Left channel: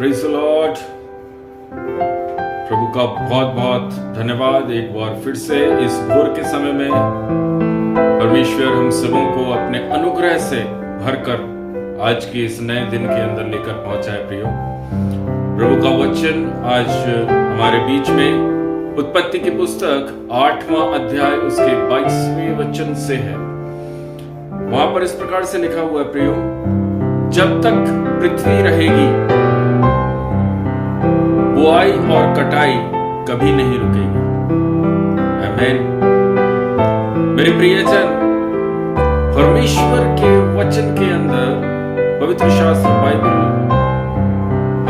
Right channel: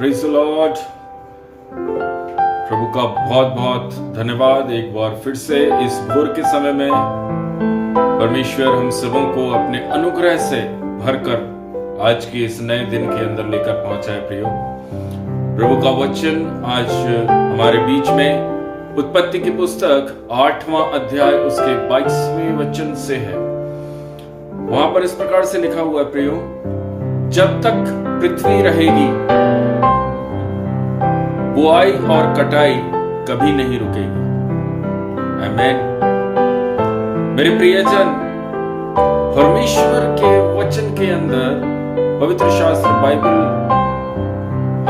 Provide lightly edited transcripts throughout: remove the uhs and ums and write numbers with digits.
Praise the Lord. प्रभु का बहुत बहुत धन्यवाद। एक बार फिर से इस भोर के समय में परमेश्वर हम सबों को अपने अनुग्रह से भरकर आज के इस नए दिन के अंदर लेकर पहुंचा है। प्रियो, प्रभु का वचन आज हमारे बीच में उत्पत्ति की पुस्तक 8वां अध्याय उसके 22वें वचन से है। वहां पर इस प्रकार से लिखा हुआ है, प्रियो, जब तक पृथ्वी रहेगी बुआई और कटाई कभी नहीं रुकेगी। आमीन। मेरे प्रियजन, परमेश्वर के वचन के अंदर पवित्र शास्त्र बाइबल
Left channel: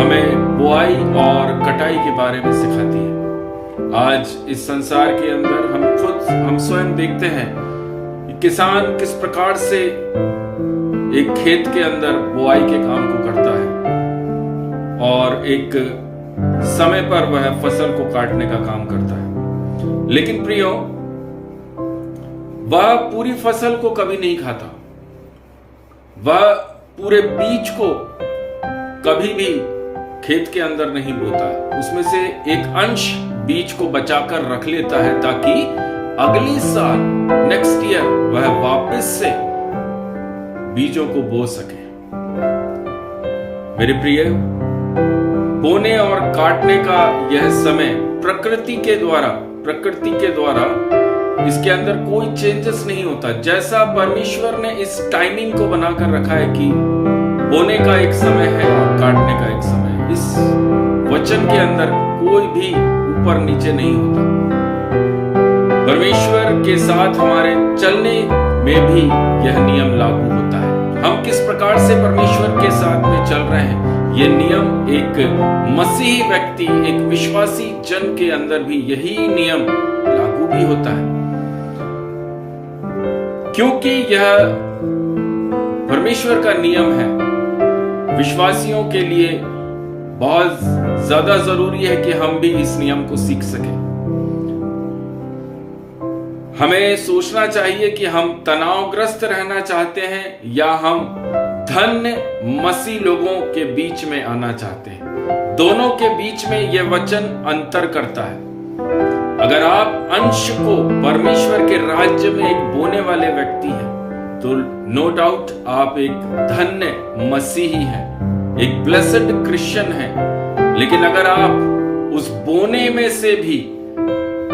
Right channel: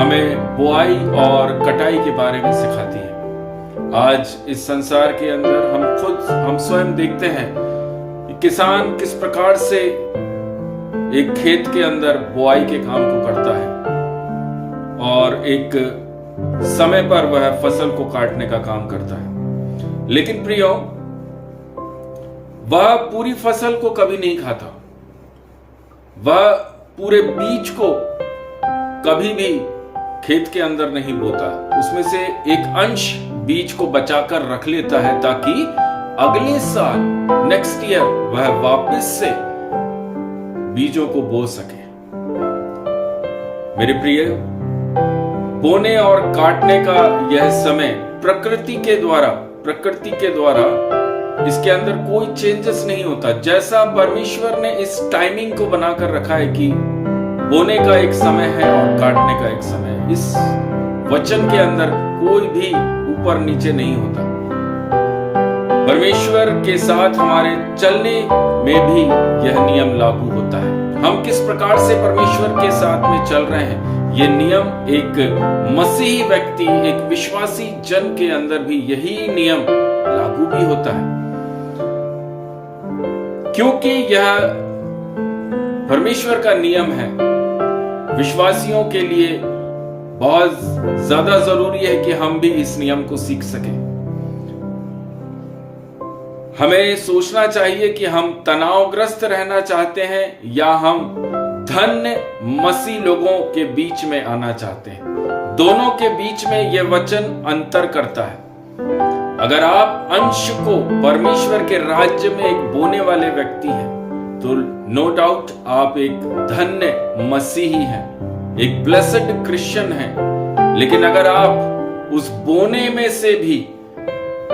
हमें बुआई और कटाई के बारे में सिखाती है। आज इस संसार के अंदर हम स्वयं देखते हैं कि किसान किस प्रकार से एक खेत के अंदर बुआई के काम को करता है और एक समय पर वह फसल को काटने का काम करता है। लेकिन प्रियो, वह पूरी फसल को कभी नहीं खाता। वह पूरे बीज को कभी भी खेत के अंदर नहीं बोता। उसमें से एक अंश बीज को बचाकर रख लेता है ताकि अगले साल नेक्स्ट ईयर वह वापस से बीजों को बो सके। मेरे प्रिय, बोने और काटने का यह समय प्रकृति के द्वारा इसके अंदर कोई चेंजेस नहीं होता। जैसा परमेश्वर ने इस टाइमिंग को बनाकर रखा है कि बोने का एक समय है और काटने का एक समय है, इस वचन के अंदर कोई भी ऊपर नीचे नहीं होता। परमेश्वर के साथ हमारे चलने में भी यह नियम लागू होता है। हम किस प्रकार से परमेश्वर के साथ में चल रहे हैं, ये नियम एक मसीही व्यक्ति, एक विश्वासी जन के अंदर भी यही नियम लागू भी होता है, क्योंकि यह परमेश्वर का नियम है। विश्वासियों के लिए बहुत ज्यादा जरूरी है कि हम भी इस नियम को सीख सकें। हमें सोचना चाहिए कि हम तनावग्रस्त रहना चाहते हैं या हम धन्य मसीह लोगों के बीच में आना चाहते हैं। दोनों के बीच में यह वचन अंतर करता है। अगर आप अंश को परमेश्वर के राज्य में एक बोने वाले व्यक्ति हैं तो नो डाउट आप एक धन्य मसीही हैं, एक ब्लेस्ड क्रिश्चियन हैं। लेकिन अगर आप उस बोने में से भी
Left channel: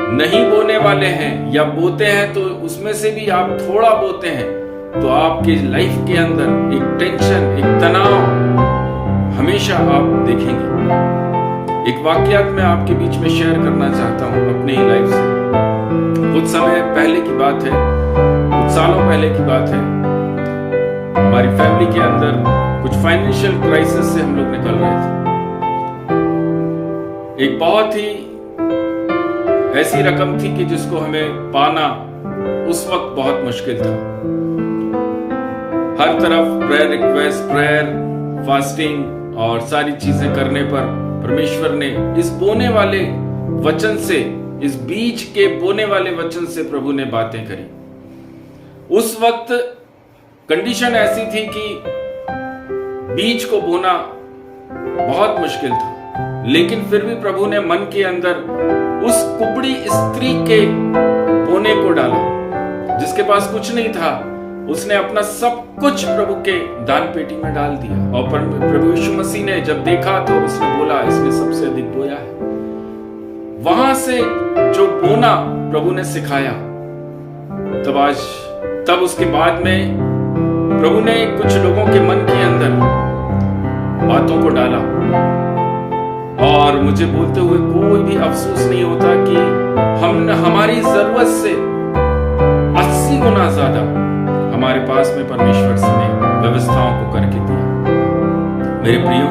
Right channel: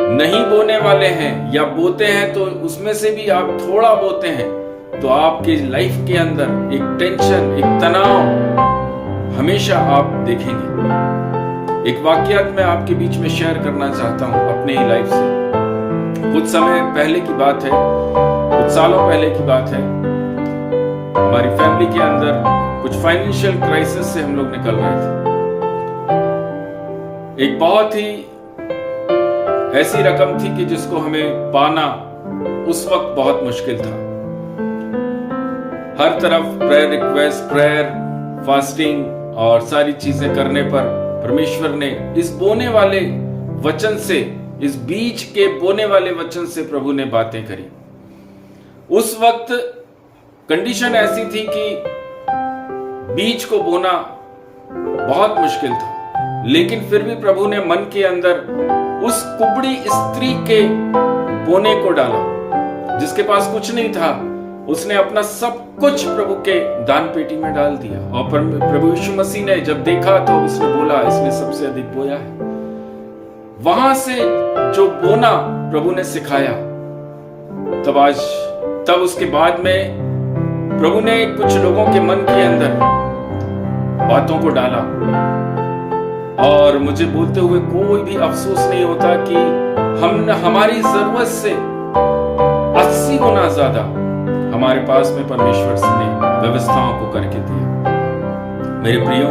नहीं बोने वाले हैं या बोते हैं तो उसमें से भी आप थोड़ा बोते हैं, तो आपके लाइफ के अंदर एक टेंशन, एक तनाव हमेशा आप देखेंगे। एक वाकयात मैं आपके बीच में शेयर करना चाहता हूं अपने ही लाइफ से। कुछ समय पहले की बात है, कुछ सालों पहले की बात है। हमारी फैमिली के अंदर कुछ फाइनेंशियल क्राइसिस से हम लोग निकल रहे थे। एक बहुत ही ऐसी रकम थी कि जिसको हमें पाना उस वक्त बहुत मुश्किल था। हर तरफ प्रेयर रिक्वेस्ट, प्रेयर, फास्टिंग और सारी चीजें करने पर परमेश्वर ने इस बोने वाले वचन से, इस बीज के बोने वाले वचन से प्रभु ने बातें करी। उस वक्त कंडीशन ऐसी थी कि बीज को बोना बहुत मुश्किल था, लेकिन फिर भी प्रभु ने मन के अंदर उस कुबड़ी स्त्री के बोने को डाला जिसके पास कुछ नहीं था। उसने अपना सब कुछ प्रभु के दान पेटी में डाल दिया और प्रभु यीशु मसीह ने जब देखा तो उसने बोला, इसने सबसे अधिक बोया है। वहां से जो बोना प्रभु ने सिखाया, तब उसके बाद में प्रभु ने कुछ लोगों के मन के अंदर बातों को डाला और मुझे बोलते हुए कोई भी अफसोस नहीं होता कि हमारी जरूरत से 80 गुना ज्यादा हमारे पास में परमेश्वर ने व्यवस्थाओं को करके दिया। मेरे प्रियो,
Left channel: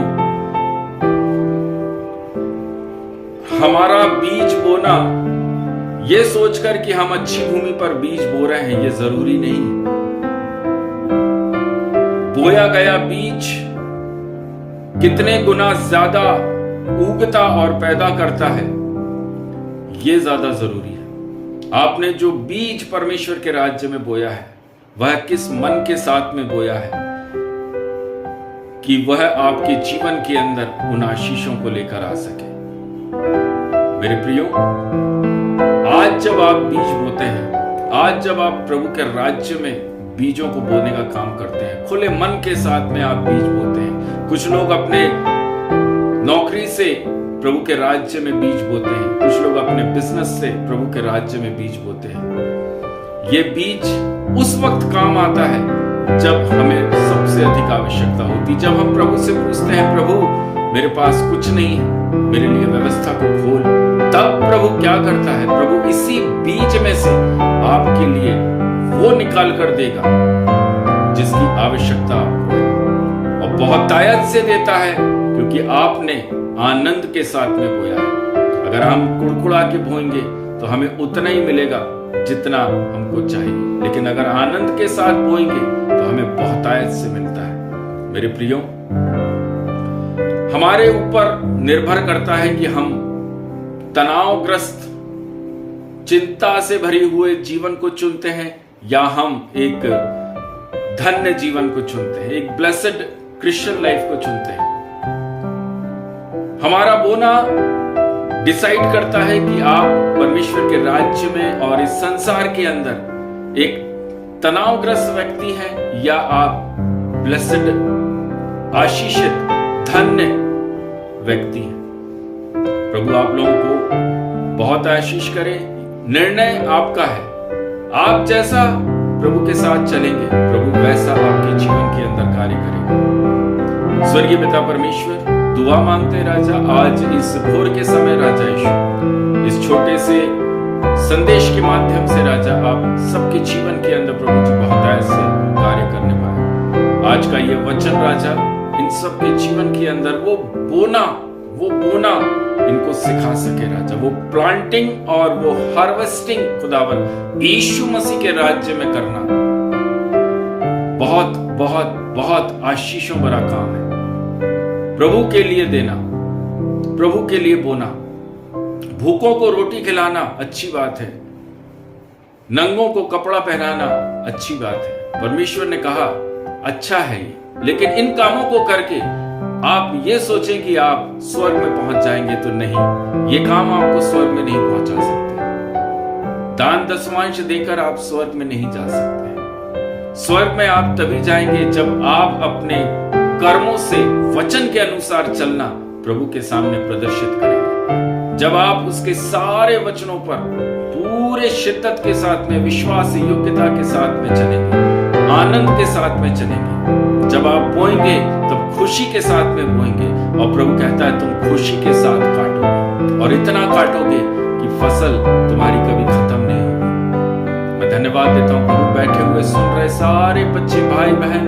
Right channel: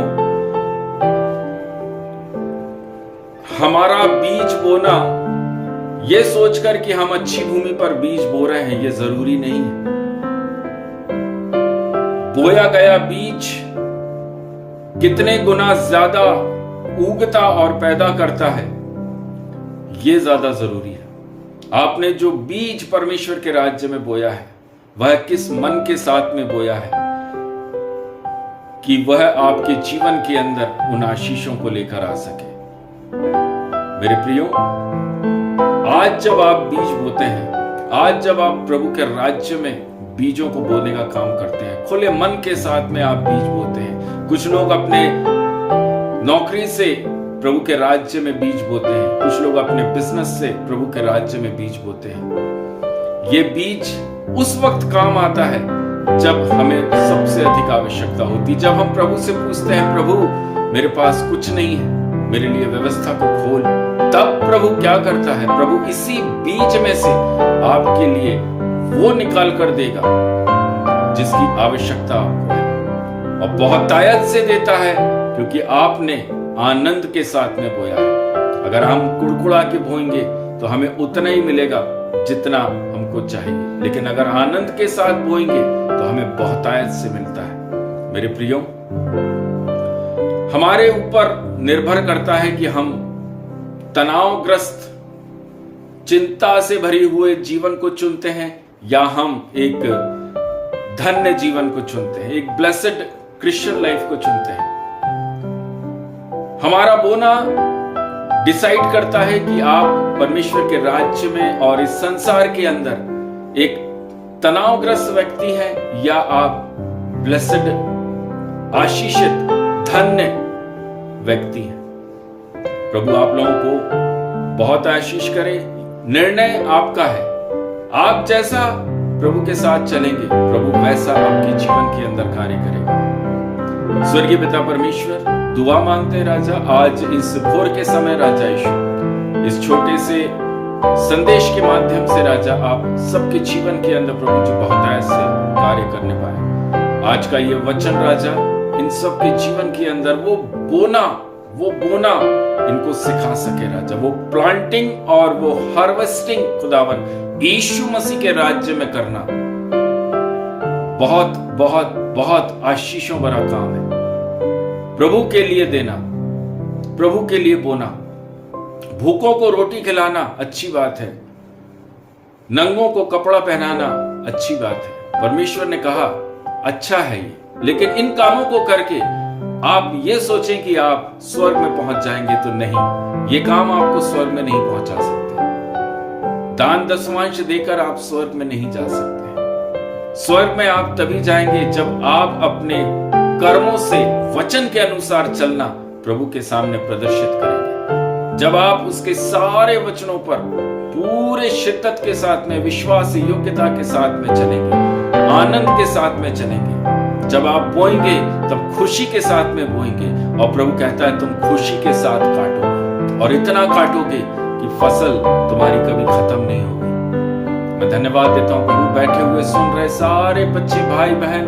हमारा बीज बोना यह सोचकर कि हम अच्छी भूमि पर बीज बो रहे हैं, यह जरूरी नहीं है। बोया गया बीज कितने गुना ज्यादा उगता और पैदा करता है, यह ज्यादा जरूरी है। आपने जो बीज परमेश्वर के राज्य में बोया है, वह किस मन के साथ में बोया है। कि वह आपके जीवन के अंदर उन आशीषों को लेकर आ सके। मेरे प्रियो, आज जब आप बीज बोते हैं, आज जब आप प्रभु के राज्य में बीजों को बोने का काम करते हैं, खुले मन के साथ में आप बीज बोते हैं। कुछ लोग अपने नौकरी से प्रभु के राज्य में बीज बोते हैं, कुछ लोग अपने बिजनेस से प्रभु के राज्य में बीज बोते हैं। ये बीज उस वक्त काम आता है जब हमें सबसे अधिक आवश्यकता होती, जब हम प्रभु से पूछते हैं, प्रभु मेरे पास कुछ नहीं है, मेरे लिए व्यवस्था को खोल। तब प्रभु क्या करता है? प्रभु इसी बीज में से आपके लिए वो निकाल कर देगा जिसकी आवश्यकता आपको है, और बहुत तायत से देता है, क्योंकि आपने आनंद के साथ में बोया है। अगर हम कुड़कुड़ा के बोएंगे तो हमें उतना ही मिलेगा जितना हमको चाहिए, लेकिन अगर आनंद के साथ बोएंगे तो हमें बहुतायत से मिलता है। मेरे प्रियो, हमारे ऊपर निर्भर करता है कि हम तनावग्रस्त, चिंता से भरे हुए जीवन को चुनते हैं या हम एक धन्य जीवन को चुनते हैं, एक ब्लेसेड क्रिश्चियन लाइफ को चुनते हैं। हमारा बोना डिसाइड करता है कि आप परमेश्वर के राज्य में और इस संसार के अंदर एक तनावग्रस्त व्यक्ति हैं या आप ब्लेसेड, आशीषित, धन्य व्यक्ति हैं। प्रभु आप लोगों को बहुत आशीष करे। निर्णय आपका है। आप जैसा प्रभु के साथ चलेंगे, प्रभु वैसा आपके जीवन के अंदर कार्य करेगा। स्वर्गीय पिता परमेश्वर, दुआ मांगते राजा, आज इस भोर के समय राजा यीशु, इस छोटे से संदेश के माध्यम से राजा आप सबके जीवन के अंदर प्रभु जी बहुतायत से कार्य करने पाए। आज का ये वचन राजा इन सबके जीवन के अंदर वो बोना इनको सिखा सके राजा, वो प्लांटिंग और वो हार्वेस्टिंग खुदावन यीशु मसीह के राज्य में करना बहुत बहुत बहुत आशीषों भरा काम है। प्रभु के लिए देना, प्रभु के लिए बोना, भूखों को रोटी खिलाना अच्छी बात है, नंगों को कपड़ा पहनाना अच्छी बात है। परमेश्वर ने कहा अच्छा है ये, लेकिन इन कामों को करके आप ये सोचें कि आप स्वर्ग में पहुंच जाएंगे तो नहीं, ये काम आपको स्वर्ग में नहीं पहुंचा सकते। दान दशमांश देकर आप स्वर्ग में नहीं जा सकते। स्वर्ग में आप तभी जाएंगे जब आप अपने कर्मों से वचन के अनुसार चलना प्रभु के सामने प्रदर्शित करेंगे। जब आप उसके सारे वचनों पर पूरे शिद्दत के साथ में, विश्वास, योग्यता के साथ में चलेंगे, आनंद के साथ में चलेंगे। जब आप बोएंगे तब खुशी के साथ में बोएंगे, और प्रभु कहता है तुम खुशी के साथ काटोगे, और इतना काटोगे कि फसल तुम्हारी कभी खत्म नहीं होगी। मैं धन्यवाद देता हूं प्रभु, बैठे हुए सुन रहे सारे बच्चे, भाई बहन,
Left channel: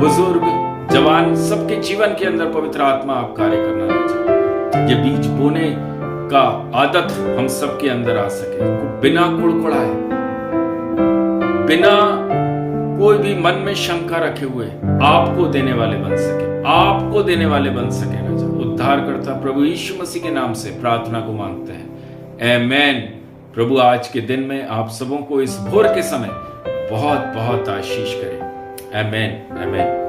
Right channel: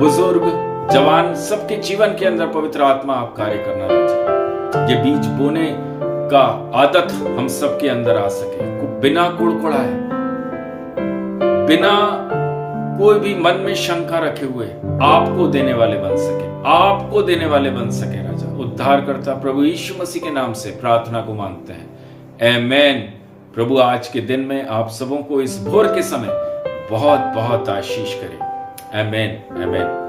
बुजुर्ग, जवान, सबके जीवन के अंदर पवित्र आत्मा आप कार्य करना राजा। ये बीज बोने का आदत हम सबके अंदर आ सके, बिना कुड़कुड़ाए, बिना कोई भी मन में शंका रखे हुए आपको देने वाले बन सके, आपको देने वाले बन सके राजा। उद्धारकर्ता प्रभु यीशु मसीह के नाम से प्रार्थना को मांगते हैं, आमेन। प्रभु आज के दिन में आप सबों को इस भोर के समय बहुत बहुत आशीष करे, आमेन, आमेन।